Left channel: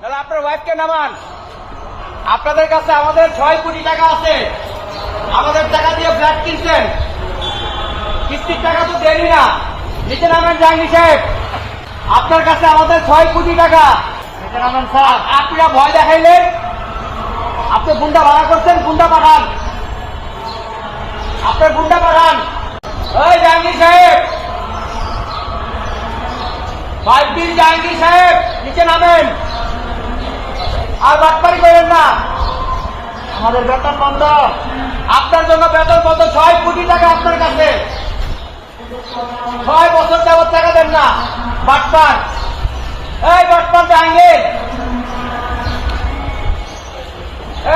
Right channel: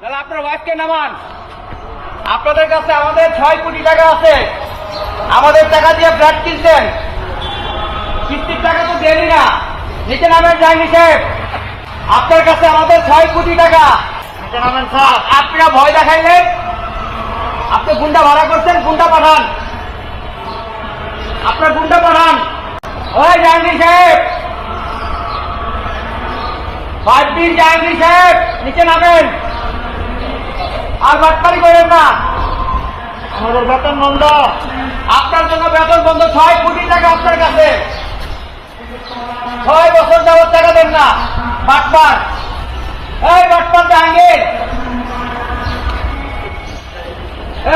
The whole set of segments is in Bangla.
তাহলে আপনার ওয়াইফকে নামান। আপনাদের কাছে আমাদের 6 কোটি টাকা আছে, আমাদের টাকা দিয়ে ফ্ল্যাট কিনছেন, কিস্তির টাকা তো দেনই না। নিচে নামেন জাহাঙ্গীর সাহেব, আপনার কাছে আমাদের 6 কোটি টাকা। নিচে নামেন স্যার। আপনারা ভয় দেখাইলেন, আপনি গুন্ডা ভাড়া করছেন, গুন্ডা পাঠান, আপনার গুন্ডা পাঠান। ওই জাহাঙ্গীর সাহেব, 5 দিন জাহাঙ্গীর সাহেব নিচে নামেন, আর বাটপাড়ি করেন না। আমাদের বেতন বন্ধ, আপনার জন্য বেতন বন্ধ। 6 কোটি টাকা আপনার কাছে, 6 বছর যাবত টাকা দেন না। বাটপার, এই বাটপার জাহাঙ্গীর,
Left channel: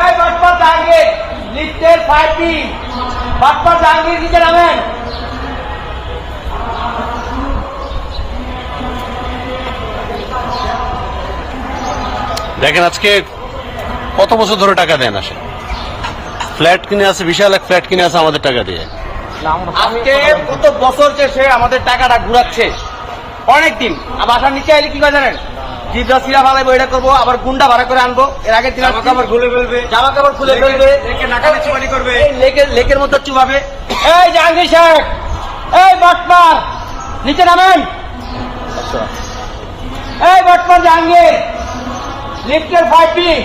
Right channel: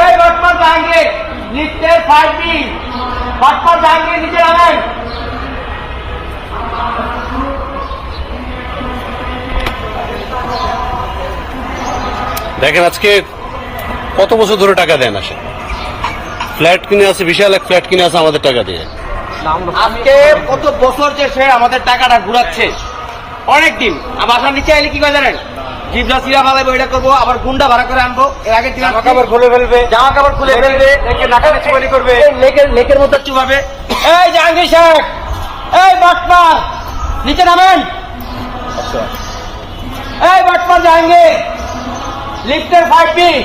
এই বাটপার জাহাঙ্গীর, লিফটের 5 দিন বাটপার জাহাঙ্গীর নিচে নামেন। দেখেন আজকে কত বছর ধরে টাকা দেন আসে, ফ্ল্যাট কিনে আছে, বিশাল এক ফ্ল্যাট কিনে আছে আমাদের টাকা দিয়ে। আজকে কত বছর সে আমাদের টাকাটা ঘুরাচ্ছে, অনেকদিন। বাসার নিচে এলে কি করে জানেন, জিবরা সিরা ভালো বইটা করবো, আবার গুন্ডা ভাড়া করে আনবো। এর আগের দিন জামা কাপড় খুলে ফেলবে, জামা কাপড় খুলে ফেলবে, নাকালে চুবানি করবে, লেকের মধ্যে চুবাবে। এই জাহাঙ্গীর সাহেব, এই বাটপার নিচে নামেন। এই বাটপার জাহাঙ্গীর, লিফটের 5 দিন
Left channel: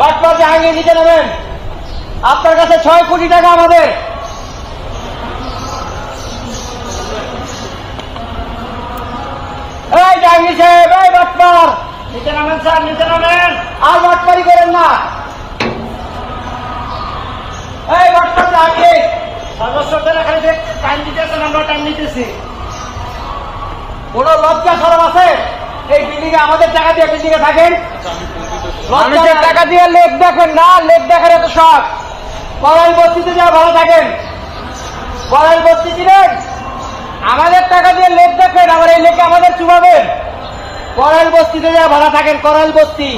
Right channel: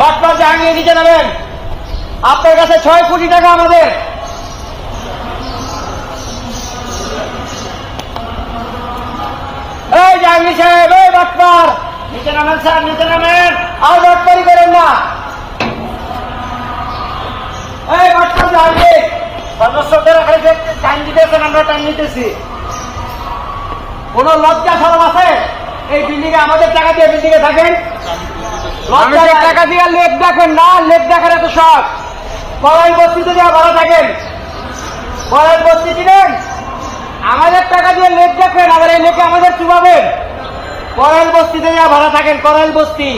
বাটপার জাহাঙ্গীর নিচে নামেন। আপনার কাছে 6 কোটি টাকা আমাদের। এই জাহাঙ্গীর সাহেব, এই বাটপার নিচে নামেন স্যার, নিচে নামেন, আর বাটপারি করেন না। এই বাটপার জাহাঙ্গীর, সদস্যদের এখানে যে টাইম দিতেছেন, আমরা টাইম নিতেছি। কোন লজ্জা সরব আছে? এই বিল্ডিং এ আমাদের টাকা দিয়ে বিল্ডিং এ থাকেন, আমাদের টাকা দিয়ে লেক দেখেন না, লেক দেখেন এত শখ। কড়াই বস্তিতে যা ভালো থাকেন, কড়াই বস্তি ছিলেন, আমাদের টাকা দিয়ে লেক দেখেন, আবার এই লেকে আমাদের কি পাবেন? কড়াই বস্তিতে যা ভালো থাকেন, কড়াই বস্তি।